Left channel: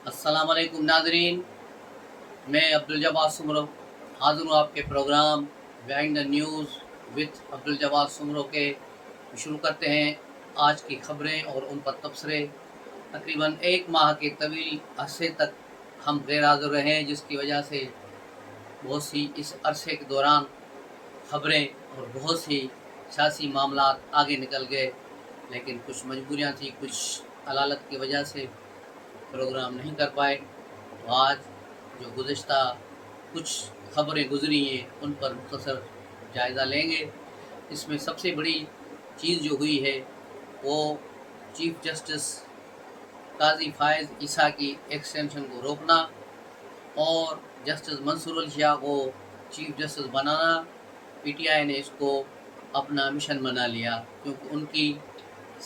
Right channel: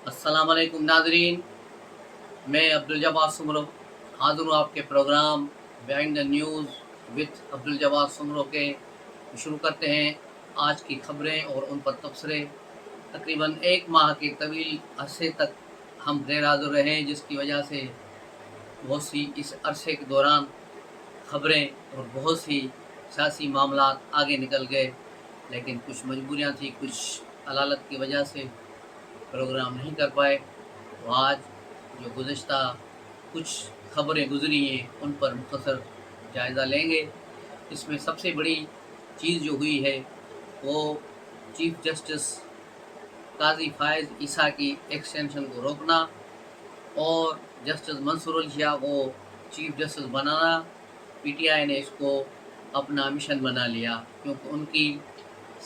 अस्सलाम वालेकुम नाज़रीन, मैं अब्दुल जब्बार सुमरो हाज़िर हूँ आपके program behind the news with Abdul Jabbar Soomro के। शुरू करते हैं आज की खबरें और उन पर तबसरे। तकरीबन एक माह के तवील अरसे तक हम गैर हाज़िर रहे, जिसकी वजह से बहुत सी इस अरसे के दौरान खबरें और बहुत सी सियासी मामलात आगे निकल गए, लेकिन कुछ मजबूरियाँ थी, कुछ अलालत की वजह से प्रोग्राम नहीं कर पाए। तो आज जो गुज़िश्ता कुछ खबरें गुज़री हैं उन पर मुख्तसर जायज़ा लेंगे। इसमें सबसे बड़ी चीज़ जो हुई है वो चीफ़ जस्टिस काज़ी फ़ायज़ ईसा की एक्सटेंशन को रोकना और जस्टिस मंसूर अली शाह को चीफ़ जस्टिस बनाना। पीटीआई ने इसको अपना मिशन बना लिया, क्योंकि उनकी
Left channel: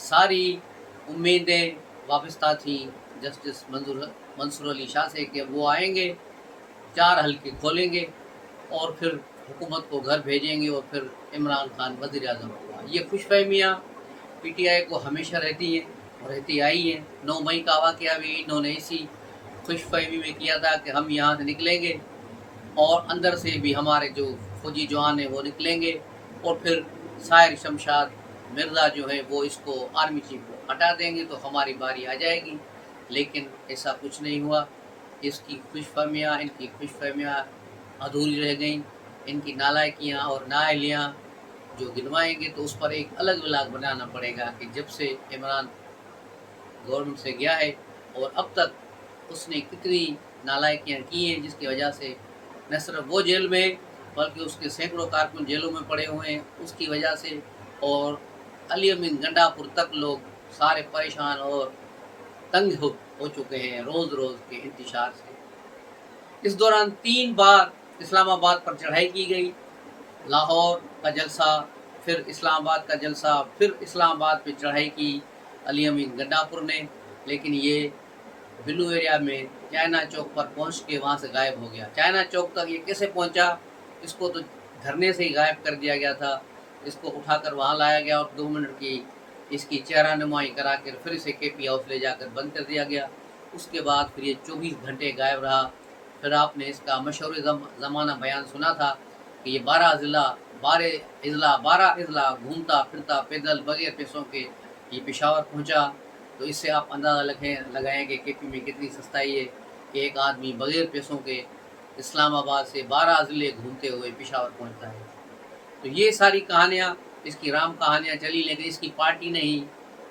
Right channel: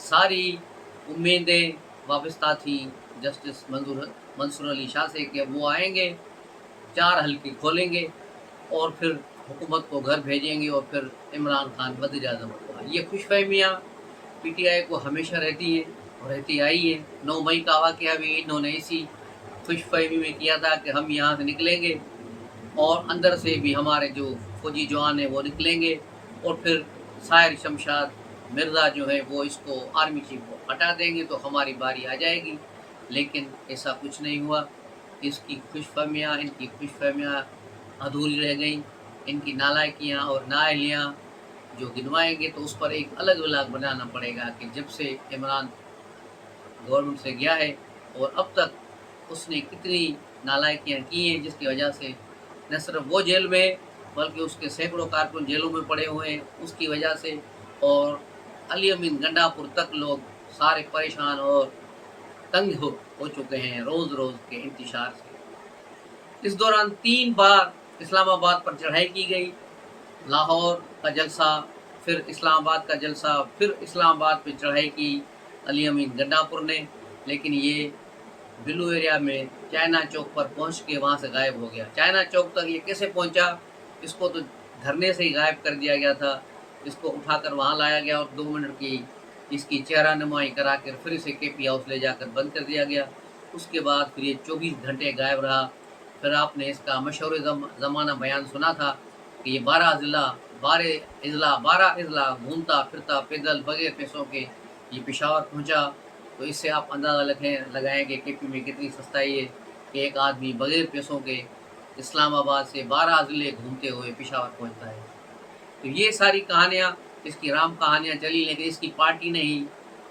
सारी उम्मीदें वाबस्ता थी जस्टिस मंसूर अली शाह से कि वो आएंगे, 4 हल्के खोलेंगे और फिर हुकूमत को घर भेजेंगे और फिर इमरान खान वज़ीर आज़म होगा। ये खुशफहमियाँ पीटीआई को हमेशा रहती हैं और रहती आई हैं। 9 मई का वाक़या भी इन्होंने इसी खुशफहमी में किया था कि हम यहाँ से निकलेंगे और अंदर से भी हमारे जो फौजी जवान हैं वो निकलेंगे और फिर साहिर शमशाद मिर्ज़ा जो है वो इसको आर्मी चीफ को हटा देंगे तो हमारी बारी आ जाएगी। लेकिन ऐसा कुछ नहीं हुआ। इनकी खुशफहमियाँ अधूरी रह गईं। इनकी नालायकियाँ और नाअहलियाँ जो गिनवाएंगे तो उस पर एक अलग व्लॉग बनाना पड़ेगा कि जब से इमरान गवर्नमेंट से गया है और अब तक उसने कितनी नालायकियाँ की हैं, जिसकी वजह से न सिर्फ वो जेल में बल्कि उसके सैकड़ों कारकुन जेलों में पड़े हुए हैं उसकी वजह से। और अली अमीन गंडापुर तक लोग सारे परेशान और तंग हो चुके हैं रोज़ रोज़ के इंतशार से। इस दौरान 3 बार इस्लामाबाद पर चढ़ाई की गई। लाहौर का जलसा, फिर इस्लामाबाद का जलसा, फिर इस्लामाबाद पे चढ़ाई की अली अमीन गंडापुर ने, लेकिन ये बिल्लू एरिया में चाइना चौक पर पहुंच के वहाँ से गायब हो गया। चाइना चौक तक ये कैसे पहुंचा, इसको तो धरने से ही गायब कर दिया गया था। इसको उठाकर वहाँ लाया गया और 2 मिनट की इसकी चेहरा नुमाई करा कर फिर इसे केपी हाउस ले जाकर बंद कर दिया गया। उसके बाद फिर ये 24 घंटे गायब रहा। फिर आपने इसका मशहूर ज़माना बयान सुना था कि ये 12 अजला घूमता फिरता पैदल बगैर पैसों के ये पेशावर पहुंचा। तो इससे आप अंदाज़ा लगाएं कि केपी में कितनी सस्ताई है कि एक आदमी बगैर पैसों के इस्लामाबाद से 12 ज़िले घूमते हुए पेशावर पहुंचता है। तो ये सारी कहानियाँ, इसकी राम कहानियाँ चली, लेकिन इसकी पार्टी ने ही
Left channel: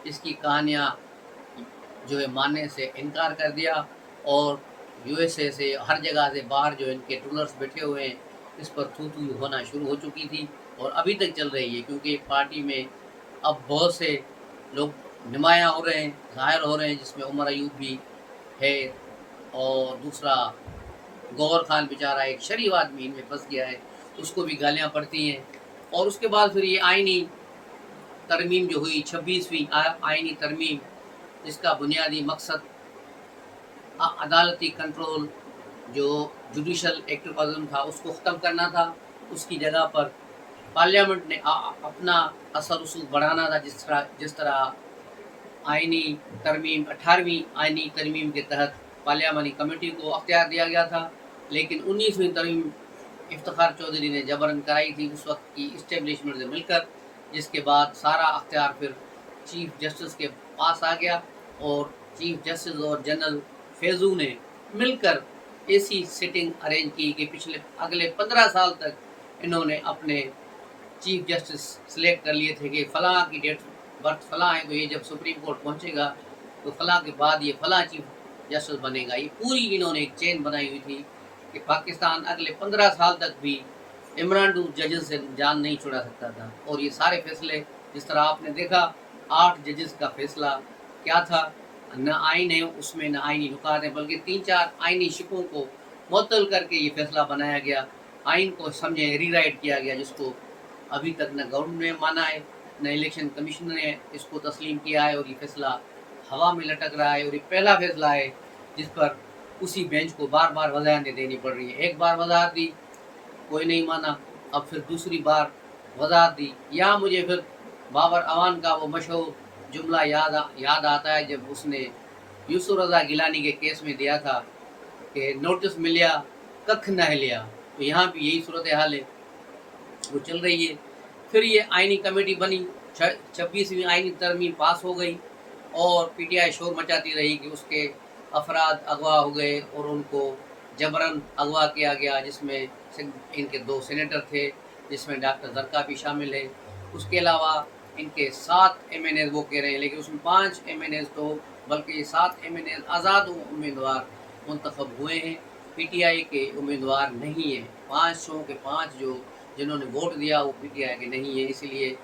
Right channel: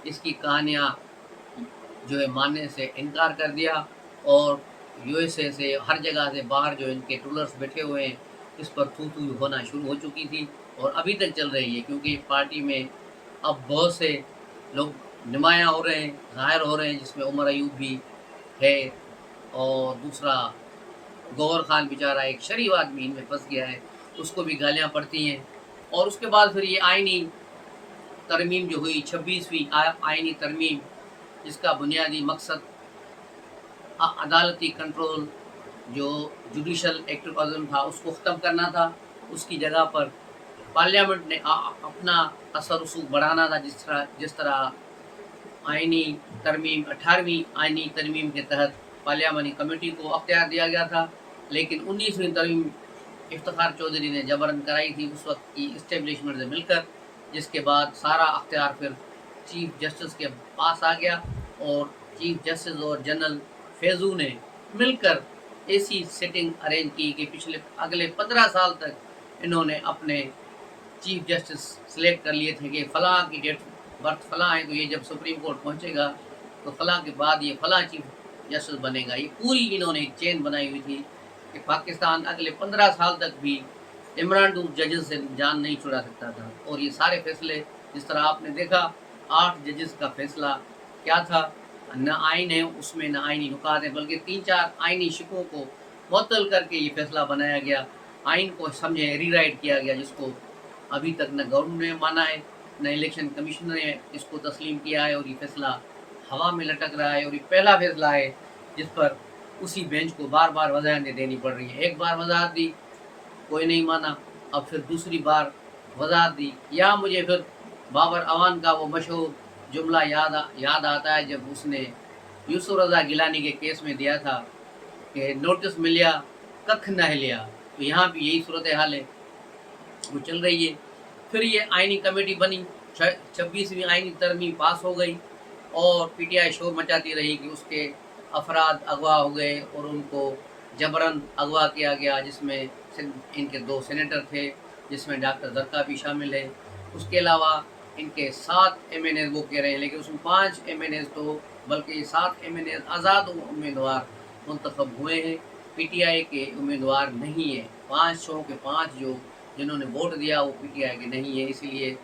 इसकी कहानियाँ जो है मानने से इनकार कर दिया और यूएसए से हर जगह से बाहर जो इनके टूलर्स बैठे हुए हैं इस पर थू थू होना शुरू हो चुकी थी और अभी तक चल रही है, क्योंकि पार्टी में अब बहुत से लोग नुमायाँ हो रहे हैं, ज़ाहिर हो रहे हैं, जिसमें उमर अयूब भी है और दूसरा गौहर खान बेचारा एक शरीफ आदमी इनमें फंस गया है, उसको भी गालियाँ पड़ती हैं। और उसके बाद फिर ये आइनी तरमीम जो हुई 26वीं आइनी तरमीम, जिसका बुनियादी मकसद अदालती कंट्रोल जो जुडिशल एक्टिविज़म था उसको ख़त्म करना था। उसकी जगह पर पार्लियामेंट ने अपना असर रसूख बढ़ाना था। जिस तरह आइनी तरमीम 18वीं आइनी तरमीम के तहत पार्लियामानी कमेटी को अख्तियार दिया गया था, लेकिन 19वीं तरमीम इफ्तिखार चौधरी ने जबरन कराई थी उस वक्त की इस्टेब्लिशमेंट से मिलकर, जिसके बाद सारा अख्तियार फिर चीफ जस्टिस के पास आ गया और चीफ जस्टिस और जनरल फैज़ू ने मिलकर ऐसी सेटिंग अरेंज की कि पिछले अगले 15 साल तक इन्होंने अपने चीफ जस्टिस सेलेक्ट कर लिए थे कि फ़लाँ की डेट बर्थ फ़लाँ है, तो ये जब सुप्रीम कोर्ट पहुँचेगा तो फ़लाँ के बाद ये फ़लाँ चीफ जस्टिस बनेगा। ये पूरी इन्होंने एक चेन बनाई हुई थी कि पाकिस्तान अगले 15 साल तक भी इमरान डूब जजेस से जान नहीं छुड़ा सकता था। और ये सारे फैसले जिस तरह आपने देखा 8 जजेस का फैसला क्या था, न आइन है उसमें, न आइनी नुकात है, बल्कि 3-4 आइनी शिकों को मुअत्तल करके ये फैसला बनाया गया। आइन को समझे रीराइट किया गया, जिसको अभी तक न गवर्नमेंट ने माना है न इलेक्शन कमीशन ने इसको तस्लीम किया है और ये फैसला हवा में लटक रहा है। और ये पहला फैसला है जिस पर उसी बेंच को बार बार वजाहतें देनी पड़ रही है। एक बार वजाहत दी, कोई नहीं माना, अब फिर दूसरी बार वजाहत दी। या मुझे फिर बाबर अवान का वो मशहूर जुमला याद आता है जब उसने यूसुफ रज़ा गिलानी के केस में दिया था कि नोटिस मिलिया कख न हिलिया, तो यहाँ भी यही सूरत हाल है, वो चल रही है। फिर ये आइनी कमेटी बनी, 26वीं आइनी तरमीम पास हो गई और पीटीआई शोर मचाती रही कि उसके अफराद अगवा हो गए और उनको जबरन अगवा किया गया, जिसमें इनके 2 सेनेटर थे, जिसमें डॉक्टर जरका भी शामिल है। उसके अलावा इनके 7 MNAs वो कह रहे हैं, लेकिन उसमें 5 MNAs तो बल्कि ये 7 MNAs आज़ाद उम्मीदवार मुंतखब हुए हैं, पीटीआई के उम्मीदवार नहीं है। 500 के 5 जो जिन्होंने वोट दिया वो पीटीआई के नहीं है, इसलिए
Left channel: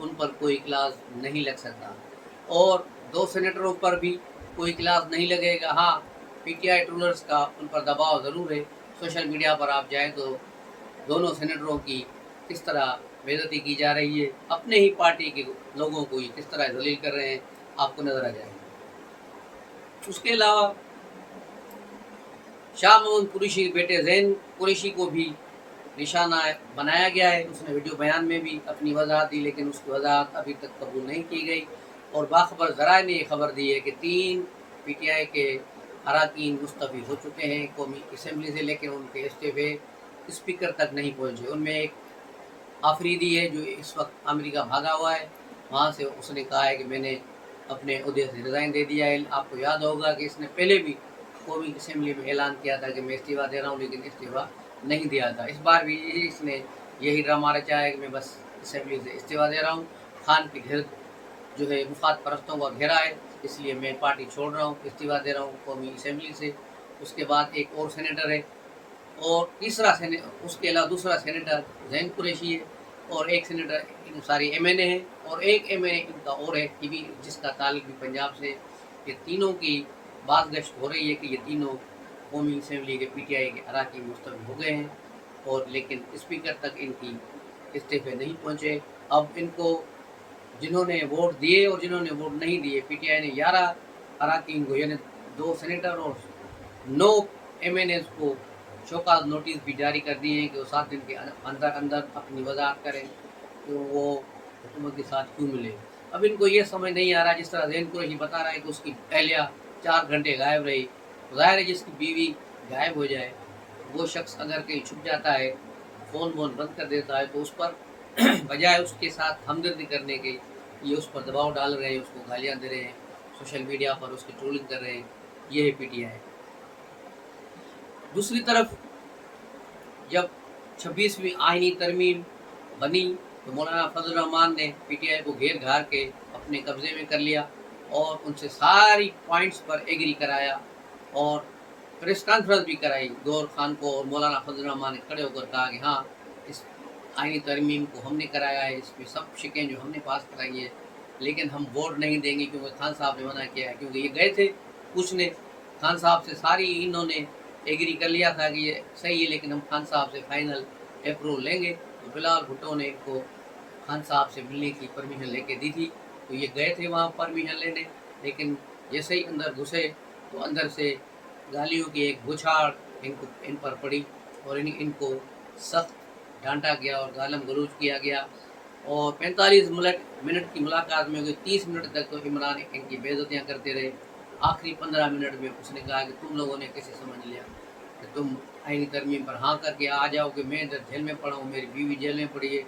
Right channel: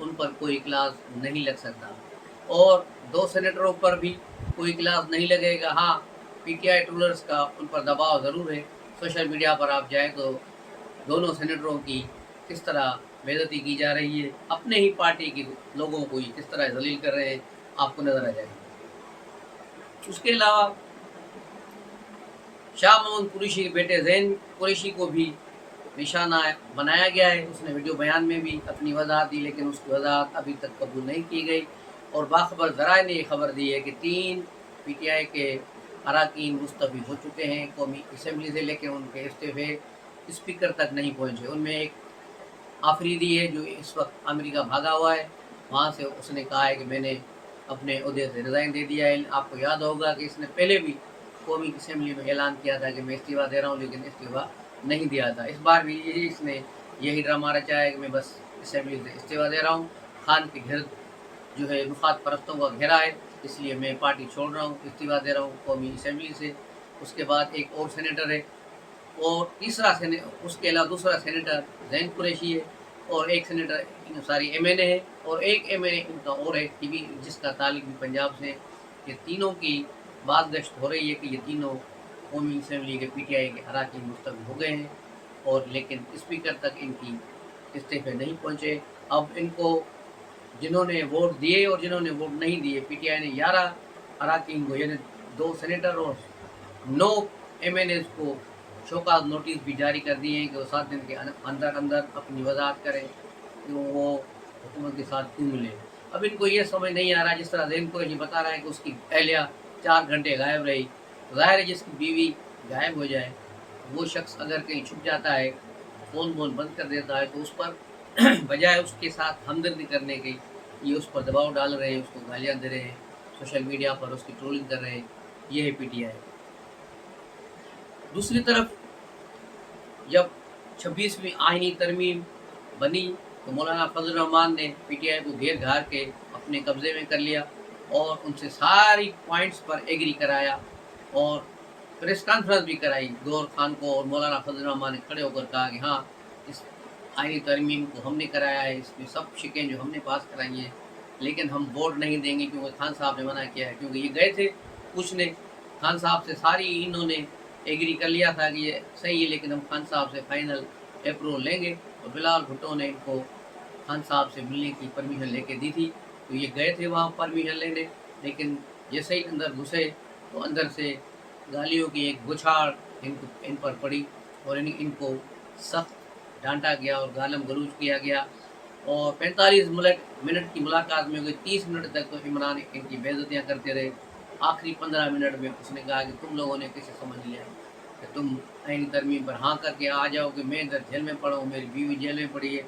उन पर कोई क्लास नहीं लग सकता। और 2 सेनेटरों पर भी कोई क्लास नहीं लगेगा। हाँ, पीटीआई ट्रोलर्स का उन पर दबाव ज़रूर है। सोशल मीडिया पर आप जाएँ तो दोनों सेनेटरों की किस तरह बेइज्जती की जा रही है, अपने ही पार्टी के लोगों को ही किस तरह जलील कर रहे हैं, आपको नज़र आ जाएगा। उसके अलावा शाह महमूद कुरैशी के बेटे ज़ैन कुरैशी को भी निशाना बनाया गया है। उसने वीडियो बयान में भी अपनी वजाहत दी, लेकिन उसकी वजाहत अभी तक कबूल नहीं की गई। और बाखबर ज़राए ने ये खबर दी है कि 3 पीटीआई के अरकान मुस्तफ़ी हो चुके हैं कौमी असम्बली से, लेकिन उनके इस्तीफ़े स्पीकर तक नहीं पहुँचे। उनमें एक आफरीदी है जो इस वक्त अमेरिका भागा हुआ है, वहाँ से उसने कहा है कि मैंने अपने ओहदे से रिज़ाइन दे दिया है। आपको याद होगा कि इसने पहले भी कौमी असम्बली में ऐलान किया था कि मैं इस्तीफ़ा दे रहा हूँ, लेकिन इस्तीफ़ा नहीं दिया था। इस बार भी इसने यही ड्रामा रचा है कि मैं बस असम्बली से इस्तीफ़ा दे रहा हूँ। खान के घर जो है मुफाद परस्तों का घेरा है, इसलिए मैं पार्टी छोड़ रहा हूँ, इस्तीफ़ा दे रहा हूँ कौमी असम्बली से। उसके बाद एक और सेनेटर है और उसके अलावा दूसरा सेनेटर ज़ैन कुरैशी है और एक सेनेटर सारी MNA है और एक MNA इनका और है कि भी जिसका ताल्लुक भी पंजाब से। ये तीनों की बात गश्त हो रही है कि ये तीनों कौमी असम्बली के पीटीआई के अरकान मुस्तफ़ी हो गए हैं और लेकिन स्पीकर तक इनकी इस्तीफ़े नहीं पहुँचे। अब इनको जिन्होंने वोट दिए और जिन्होंने वोट नहीं दिए, पीटीआई ने 11 अरकान को यानी 2 सेनेटर और 9 MNAs को शोकाज नोटिस भी जारी कर दिए हैं कि वो 7 दिन के अंदर अंदर अपनी वजाहत करें कि वो हुकूमत के साथ क्यों मिले। अब इनको ये समझ नहीं आ रहा, जिस तरह ज़ैन कुरैशी बता रहा है कि उसकी अहलिया 4 घंटे गायब रही। ज़ाहिर है जिसकी बीवी गायब हो जाए, वो शख्स अगर कहीं छुप जाता है, फ़ोन वोन बंद कर देता है, तो उस पर बजाय उसके साथ हमदर्दी करने के ये उस पर दबाव डाल रहे हैं, उसको गालियाँ दे रहे हैं, सोशल मीडिया पर उसकी ट्रोलिंग कर रहे हैं। ये है पीटीआई। दूसरी तरफ जब 26वीं आइनी तरमीम बनी तो मौलाना फजल रहमान ने पीटीआई को घेर घार के अपने कब्ज़े में कर लिया और उनसे सारी पॉइंट्स पर एग्री कराया और प्रेस कॉन्फ्रेंस भी कराई। गौर खान को और मौलाना फजल रहमान ने खड़े होकर कहा कि हाँ, इस आइनी तरमीम को हमने कराया है, इसमें सब शिकें जो हमने पास कराई है, लेकिन हम वोट नहीं देंगे क्योंकि खान साहब ने मना किया है। क्योंकि ये गए थे पूछने खान साहब से, सारी इन्होंने एग्री कर लिया था कि ये सही है, लेकिन हम खान साहब से फाइनल अप्रूवल लेंगे। तो बिलाल भुट्टो ने इनको खान साहब से मिलने की परमिशन लेके दी थी, तो ये गए थे वहाँ परमिशन लेने, लेकिन जैसे ही अंदर घुसे तो अंदर से गालियों की एक बौछार इन पर पड़ी और इनको सख्त डांटा गया और गालम गलूज किया गया। और 45 मिनट की मुलाकात में हो गई, 30 मिनट तक तो इमरान इनकी बेइज्जतियाँ करते रहे। आखिरी 15 मिनट में उसने कहा कि तुम लोगों ने कैसे समझ लिया कि तुम आइनी तरमीम पर हाँ करके आ जाओ कि मैं इधर जेल में पड़ा हूँ, मेरी बीवी जेल में पड़ी है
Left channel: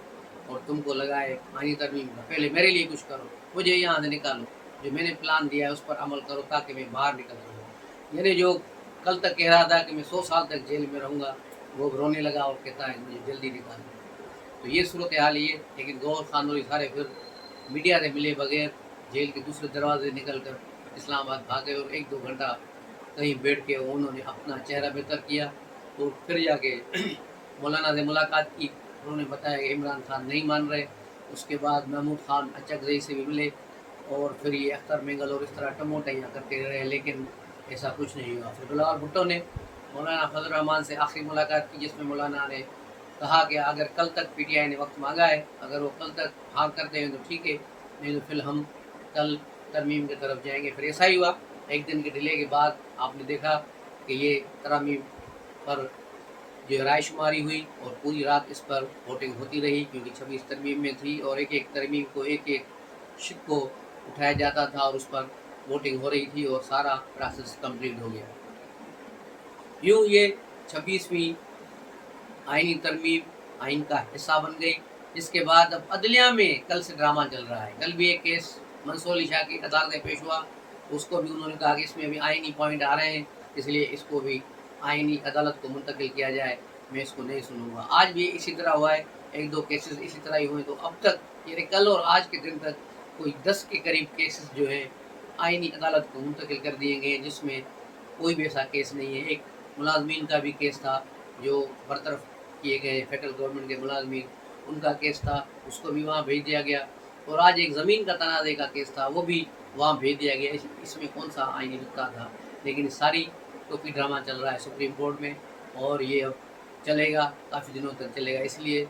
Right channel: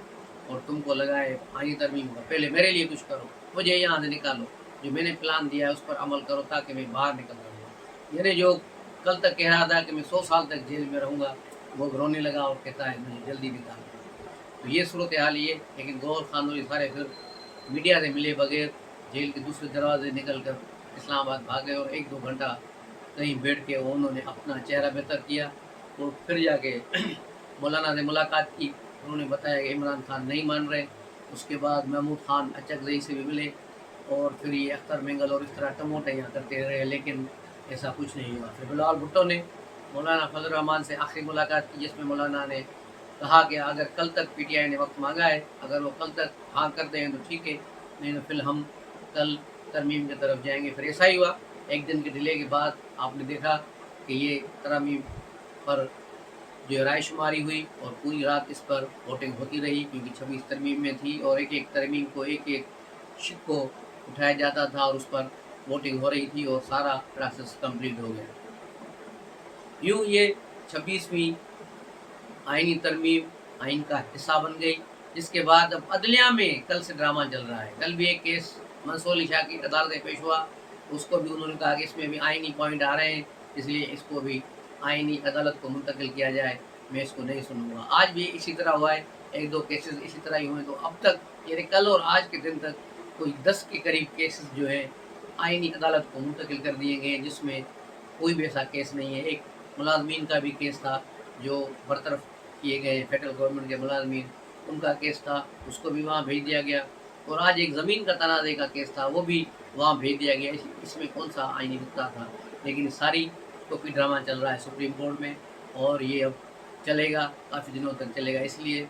और तुमको लगा है आइनी तरमीम का, पहले मेरे लिए कुछ करो, मुझे यहाँ से निकालो, जो मैंने प्लान दिया है उस पर अमल करो ताकि मैं बाहर निकल सकूँ। यानी जो कल तक कह रहा था कि मैं 100 साल तक जेल में रहूँगा, वो रोने लगा और कहता है मुझे जल्दी निकालो। तो ये सूरत हाल ये। लेकिन गौर खान और सारे फिर मीडिया से मिले बगैर जेल के दूसरे दरवाजे निकल कर इस्लामाबाद भागे और 1-2 घंटा कहीं बैठ के उन्होंने अपना चेहरा बेहतर किया और फिर जाके मौलाना से मुलाकात की। उन्होंने बताया कि इमरान खान नहीं मान रहे। उसके बाद महमूद खान अचकज़ई से भी मिले और फिर ये अख्तर मेंगल और इस तरह टमोटियाँ करते रहे, लेकिन ऐसा कुछ नहीं हुआ। फिर बिलाल भुट्टो ने मौलाना फजल रहमान से आखिरी मुलाकात की, जिसमें मौलाना ने कहा कि अगर कल तक पीटीआई ने वक्त मांगा है, अगर वो कल तक हाँ करते हैं तो ठीक है, नहीं तो फिर हम कल तरमीम की तरफ जाएंगे। फिर ऐसा ही हुआ। एक दिन के डिले के बाद आपने देखा कि ये तरमीम पर जो राय शुमारी हुई और पूरी रात इस पर वोटिंग होती रही, क्योंकि 26 तरमीम में थी और एक एक तरमीम को एक एक शिक को उठाया जाता था और उस पर वोटिंग हो रही थी और सारा प्रोसेस कंप्लीट हो गया। यूँ ये 26वीं आईनी तरमीम आइन का हिस्सा बन गई, जिसके बाद अब अदलिया में कल से ड्रामा चल रहा है। कल भी एक केस मंसूर अली शाह की अदालत में पेश हुआ, उसको भी उन्होंने कहा कि इसमें भी आइनी पॉइंट आ रहे हैं, इसलिए इसको भी आइनी अदालत को मुंतकिल किया जाए, मैं इसको नहीं सुनूंगा। आज भी इसी तरह हुआ है, एक दो केसेस इसी तरह ही हुए। तो अब तक यानी कल और आज के दिन तक कोई 10 के करीब केसेस जो हैं आइनी अदालत को मुंतकिल कर दिए गए, जिसमें कोई भी ऐसा केस नहीं है। एक मुलाजमीन का भी केस था जो बरतरफ किए गए फेडरल गवर्नमेंट के मुलाजमीन, उनका केस था, उसको भी वहाँ भेज दिया गया। और आज एक ज़मीन का तनाज़े का केस था, वो भी वहाँ भेज दिया गया। इसमें कौन सा आईनी नुक्ता था? लेकिन सारी टोपी ड्रामा चल रहा है सुप्रीम कोर्ट में, और ये अब चलेगा, काफ़ी दिनों तक चलेगा। इसलिए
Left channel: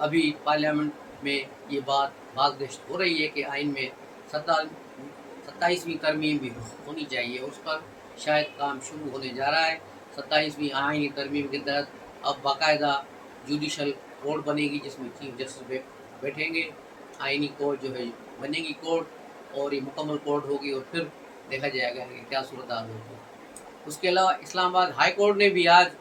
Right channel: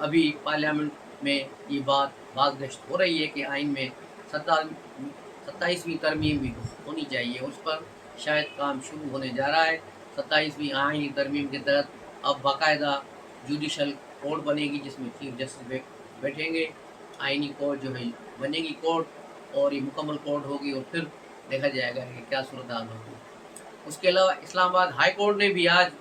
अभी पार्लियामेंट में ये बात बागदश्त हो रही है कि आइन में 27वीं तरमीम भी होनी चाहिए, उस पर शायद काम शुरू होने जा रहा है। 27वीं आइनी तरमीम के तहत अब बाकायदा जुडिशल कोर्ट बनेगी, जिसमें चीफ जस्टिस बैठेंगे। आइनी कोर्ट जो है बनेगी कोर्ट, और ये मुकम्मल कोर्ट होगी, और फिर देखा जाएगा कि क्या सूरत हाल होगी। उसके अलावा इस्लामाबाद हाई कोर्ट ने भी आज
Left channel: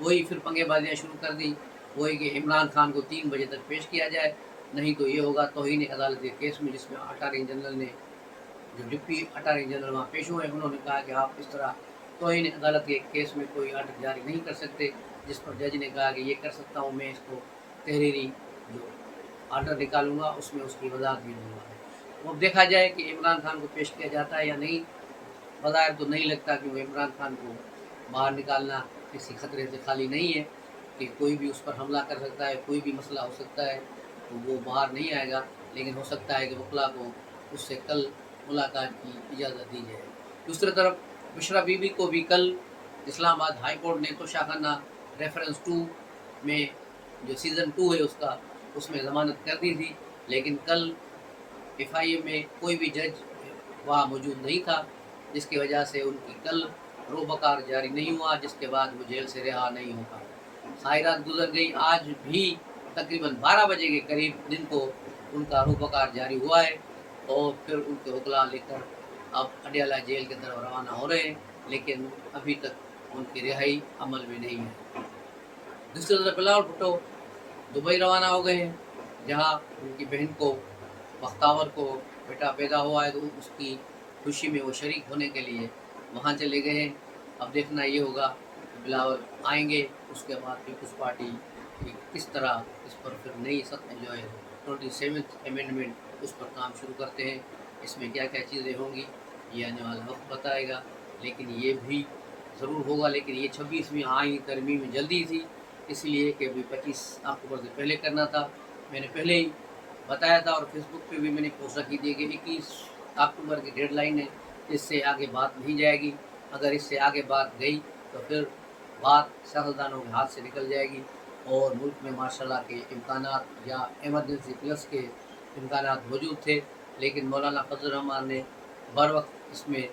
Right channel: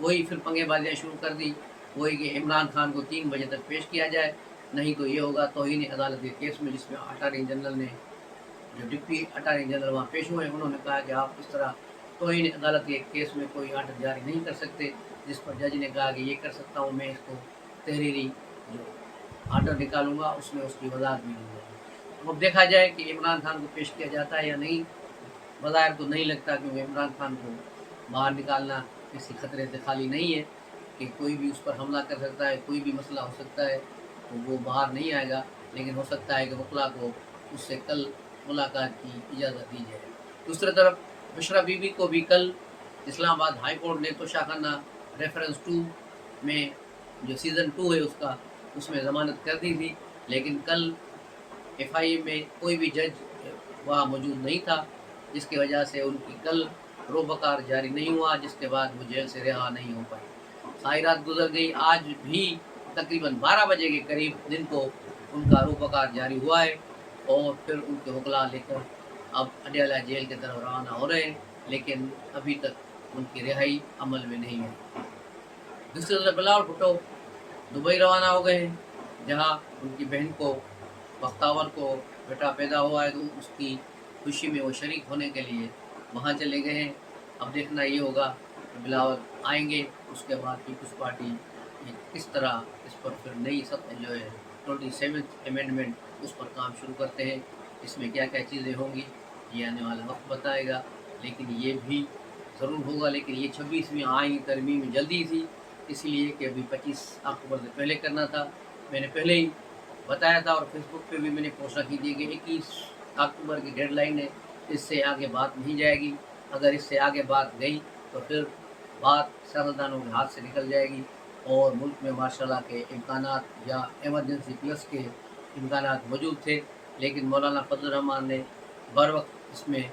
वही फिर पंगेबाजियाँ शुरू कर दी, वही कि इमरान खान को 3 बजे तक पेश किया जाए, नहीं तो ये होगा तौहीन अदालत के केस में, जिसमें अटॉर्नी जनरल ने, जो डिप्टी अटॉर्नी जनरल वहाँ पेश हुए, उन्होंने कहा कि आप इस तरह तौहीन अदालत के केस में कोई आर्डर जारी नहीं कर सकते। जिस पर जज ने कहा कि ये कर सकता हूँ, मैं इसको तहरीरी जो आर्डर निकालूंगा उसमें उसकी वजाहत भी दूँगा। तो अब देखा जाए कि इमरान खान को पेश किया जाता है या नहीं। बज़ाहिर तो नहीं लगता, क्योंकि इमरान खान को बाहर निकालना किसी खतरे से खाली नहीं है, कि कोई भी उस पर हमला कर सकता है, कोई भी मसला हो सकता है, तो वो बाहर नहीं आएगा। लेकिन हो सकता है कि वकला को उससे कल मुलाकात की इजाज़त दी जाए। दूसरी तरफ बुशरा बीबी को भी कल इस्लामाबाद हाई कोर्ट ने तो शाखाना रेफरेंस 2 में, जो सीज़न 2 है उसका, उसमें ज़मानत कर दी थी। लेकिन कल FIA में कोई भी जज वहाँ मौजूद नहीं था, जिसकी वजह से उनकी कल रोबकार जारी नहीं हुआ, जिसके बाद वो जेल से रिहा नहीं हो पाई। सारी रात गुजर गई, आज भी तकरीबन 12 बजे के करीब दिन को उनका रोबकार जारी हुआ है, और फिर उनके वकला लेकर अब अडियाला जेल की तरफ रवाना हो रहे हैं, लेकिन अभी तक उनकी रिहाई अमल में नहीं है। दूसरी तरफ बिलावल भुट्टो दुबई रवाना हो गए हैं, जहां उनकी बहन को, बख्तावर को बेटा पैदा हुआ है, तो उसकी खुशी में वो शरीक होने के लिए वहाँ चले गए हैं। अब देखना ये होगा कि बिलावल आएंगे, उसके बाद पीपल्स पार्टी किस तरह इस पर फिर नई जो है 27th अमेंडमेंट, उस पर काम शुरू करते हैं। इसमें क्या क्या चीज़ें होंगी ये आने वाला वक्त बताएगा, लेकिन ये भी ज़रूर होगा। लेकिन ये 26वीं आईनी तरमीम जल्दी थी, इसलिए कि अभी 25 अक्टूबर से पहले करना था। मैंने पहले ही बताया था, और फेसबुक पे भी मैंने पोस्ट रखी थी कि 21 अक्टूबर की डेडलाइन है, इससे आगे बात नहीं जाएगी। अगर इससे आगे बात गई तो फिर बात सियासतदानों के हाथ से निकल जाएगी, और मुल्क में माशाल्लाह के इम्कानात या एमरजेंसी प्लस के इम्कानात मौजूद थे, लेकिन मौलाना फजल रहमान ने बर वक्त इसमें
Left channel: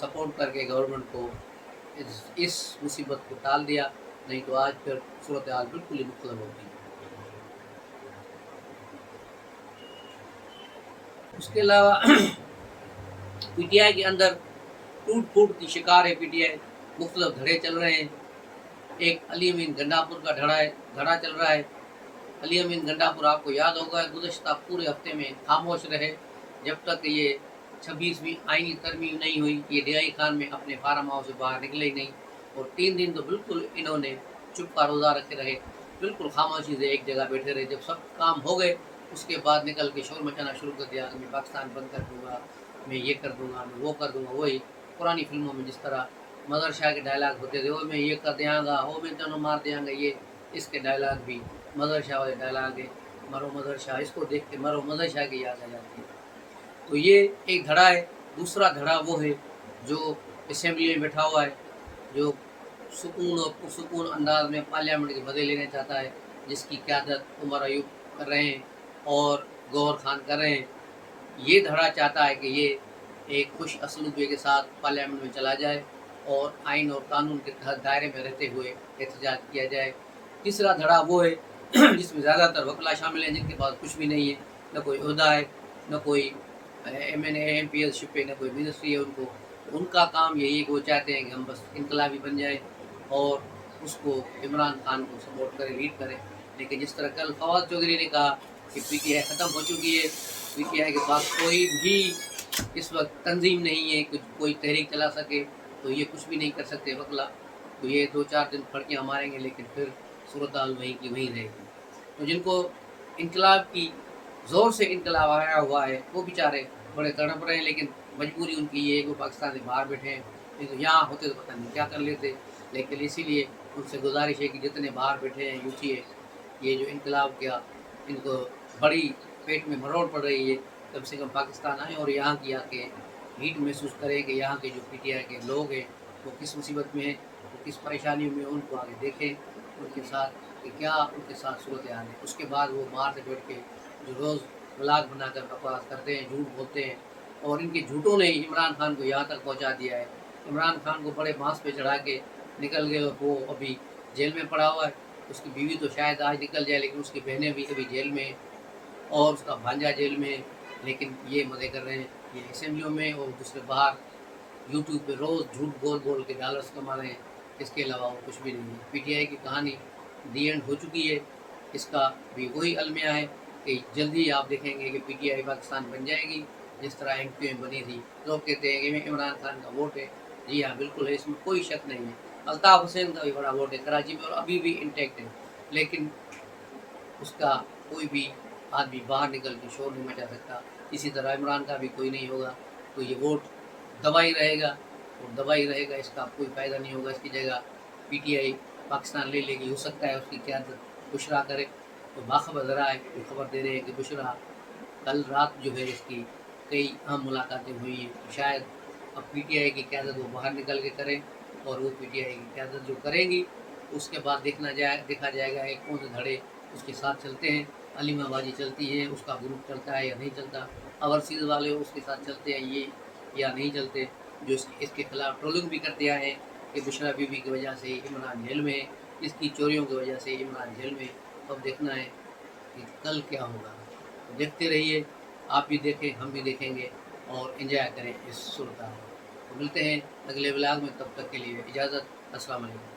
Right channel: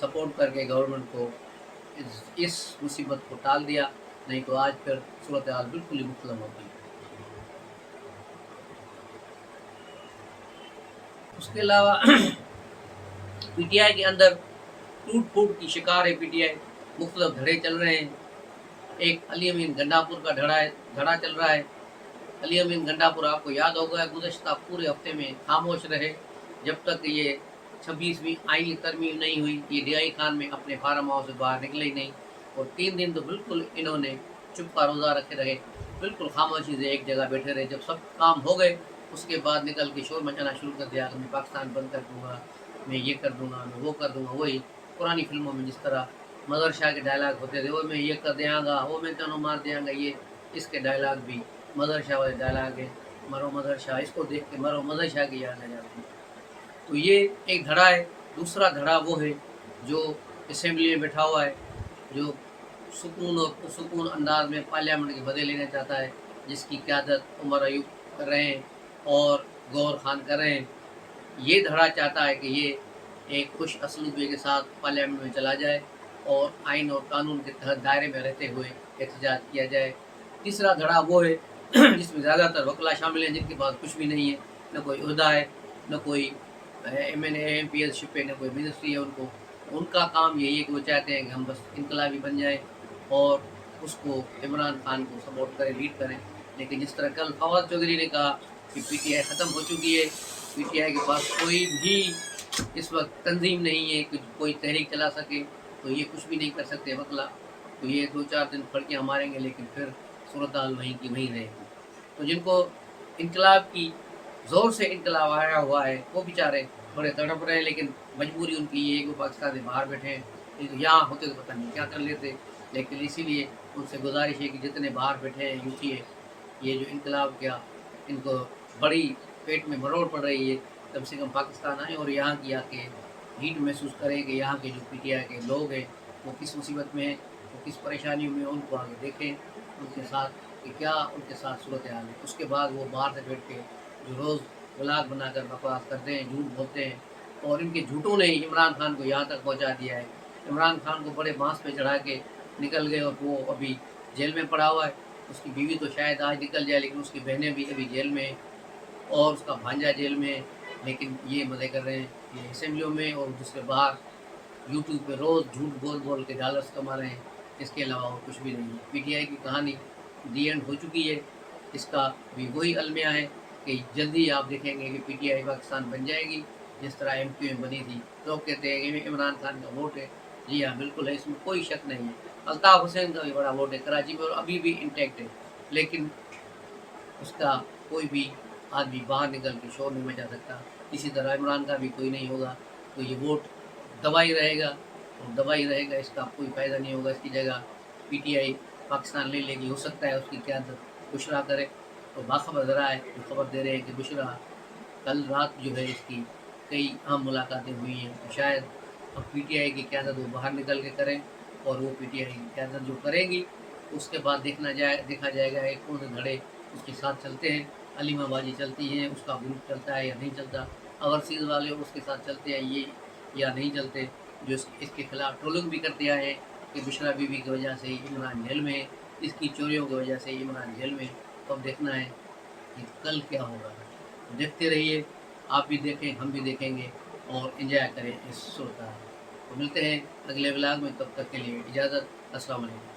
सपोर्ट करके गवर्नमेंट को इस मुसीबत को टाल दिया, नहीं तो आज फिर सूरत हाल बिल्कुल ही मुख्तलिफ होती। उसके अलावा PTI के अंदर टूट फूट की शिकार है PTI, मुख्तलिफ धड़े चल रहे हैं। एक अली अमीन गंडापुर का धड़ा चल रहा है। अली अमीन गंडापुर आपको याद होगा, गुज़श्ता पूरे हफ्ते में खामोश रहे, जब तक ये 26वीं आईनी तरमीम नहीं हुई। ये DI खान में अपने फार्म हाउस से बाहर निकले ही नहीं, और 3 दिन तो बिल्कुल इन्होंने चुप का रोज़ा रखे रहे, बिल्कुल खामोशी से एक जगह बैठे रहे। जब सब काम हो गए, उसके बाद निकल के शोर मचाना शुरू कर दिया कि मैं पाकिस्तान बंद कर दूँगा, मैं ये कर दूँगा, मैं वो कर दूँगा। वही पुरानी फिल्मों में जिस तरह मदर शाह के डायलॉग होते थे, वो मैं ये कर देंगा, वो मैं तेनों मार देंगा, ये इसके डायलॉग भी मदर शाह वाले डायलॉग है, मरो मदर शाह। इसको देख के मरो मदर शाह की याद आ जाती है। तो ये एक धड़ा है। दूसरा धड़ा वो है जो असेंबली में बैठा हुआ है, जो सुकून और पुरसुकून अंदाज में पार्लियामेंट के मज़े लेना चाहता है, जिसकी क़यादत उमर अयूब कर रहे हैं और गौहर खान कर रहे हैं। ये धड़ा चाहता है कि ये एक खुश असलूबी के साथ पार्लियामेंट में चला जाए, और आइन और कानून के तहत दायरे में रहते हुए एहतजाज किया जाए। तीसरा धड़ा वो है जिसमें ज़्यादातर वकला शामिल हैं, जिनके पास कुछ भी नहीं है, न कोई ओहदा है, न कोई MNA MPS शिप पे, न कोई मिनिस्ट्री है उनको। उनका काम यही है कि वो चाहते हैं कि हम बस इनकलाबी बन जाएँ और उसको इमरान खान को सपोर्ट करें, लीड करें। लेकिन जिस तरह कल फवाद चौधरी ने कहा कि PTI ख़त्म हो चुकी है, PTI के पास कोई भी इस वक्त तंजीम नहीं है, कुछ कोई तहरीक चला सके, तो ये कुछ भी नहीं कर सकते वकला। तो ये 2-4 दिन फड़कियाँ मारेंगे, लेकिन फिर सूरत हाल वहीं की वहीं रहेगी। तो जिनको इनकलाब की ज़ोर से इनकलाब आया हुआ है, वो बेचारे बड़े तड़प रहे हैं, लेकिन मजबूरी उनकी ये है कि वो पाकिस्तान से बाहर बैठे हैं। लेकिन यहाँ होते तो पता नहीं क्या कर लेते। लेकिन इसीलिए उनसे गुजारिश है कि जितने बाहर बैठे हैं यूँ ये जो इनकलाब क्या, इनको बड़ी पेट में मरोड़ पड़ रही है, कम से कम पाकिस्तान आएँ और यहाँ की आके हीट महसूस करें कि यहाँ के जो PTI के लोग हैं वो किस मुसीबत में हैं, वो किस परेशानियों में, उनको आगे देखें, उनके साथ कि क्या उनके साथ सूरत हाल है। उसके बाद वो बाहर से बैठ के जो रोज़ व्लॉग बनाकर बकवास करते हैं, झूठ बोलते हैं, और इनके झूठों ने ही इमरान खान को यहाँ तक पहुँचा दिया है। इमरान खान को बड़े बांस पे चढ़ा के निकल गए और वो अभी जेल में पड़ा हुआ है। उसकी बीवी तो शायद आज निकल जाए, लेकिन उसकी बहनें भी अभी जेल में हैं और उसका भांजा जेल में है। लेकिन ये मज़े कर रहे हैं, ये असेंबलियों में और दूसरे बाहर यूट्यूब पे रोज़ झूठ बोल बोल के डॉलर्स कमा रहे हैं। इसके अलावा और कुछ भी नहीं है। PTI की कहानी दी एंड हो चुकी है। इसका भी वही अलमिया है कि जल्दी आप देखेंगे कि PTI पाकिस्तान बन जाएगी, जिस तरह MQM बनी थी। लोग कहते हैं कि इमरान खान का वोट है। जी हाँ, बिल्कुल है, इसमें कोई शक नहीं है। अल्ताफ़ हुसैन का भी बड़ा वोट है कराची में और अभी भी इंटैक्ट है, लेकिन उसका कोई भी आदमी बाहर निकल के शोर नहीं मचा सकता। इसी तरह इमरान का भी कोई नहीं होगा। तो ये वोट दबा ही रहेगा और दबा ही रहेगा, इसका कोई फ़ायदा नहीं होगा। इसकी जगह PTI पाकिस्तान ले लेगी। हो सकता है उसकी क़यादत बुशरा करे। तो बाखबर ज़रा है जो खबर दे रहे हैं कि बुशरा कल रात जो है इसकी कई अहम मुलाकातें हुई हैं। तो शायद अब PTI की क़यादत वो बाहर निकल के करें, और वो PTI की क़यादत जो करेंगी उसके बाद देखा जाएगा कि कौन से धड़े उसके साथ चलते हैं। अलीमाबाजी चलती है, उसका ग्रुप चलता है या नहीं चलता, ओवरसीज़ वाले उसके साथ चलते हैं ये या नहीं चलते, जो इसके खिलाफ ट्रोलिंग भी करते आए हैं कि बुशरा बीबी की वजह से इमरान जेल में है, इसकी चोरियों की वजह से इमरान जेल में है। तो अब देखना है कि कल क्या होगा। तो देखते रहिए, आप भी देखें, हम भी देखेंगे और एंजॉय करें इस सूरत हाल को। तो मिलते हैं अगले व्लॉग में, तब तक के लिए इजाज़त। अस्सलाम वालेकुम।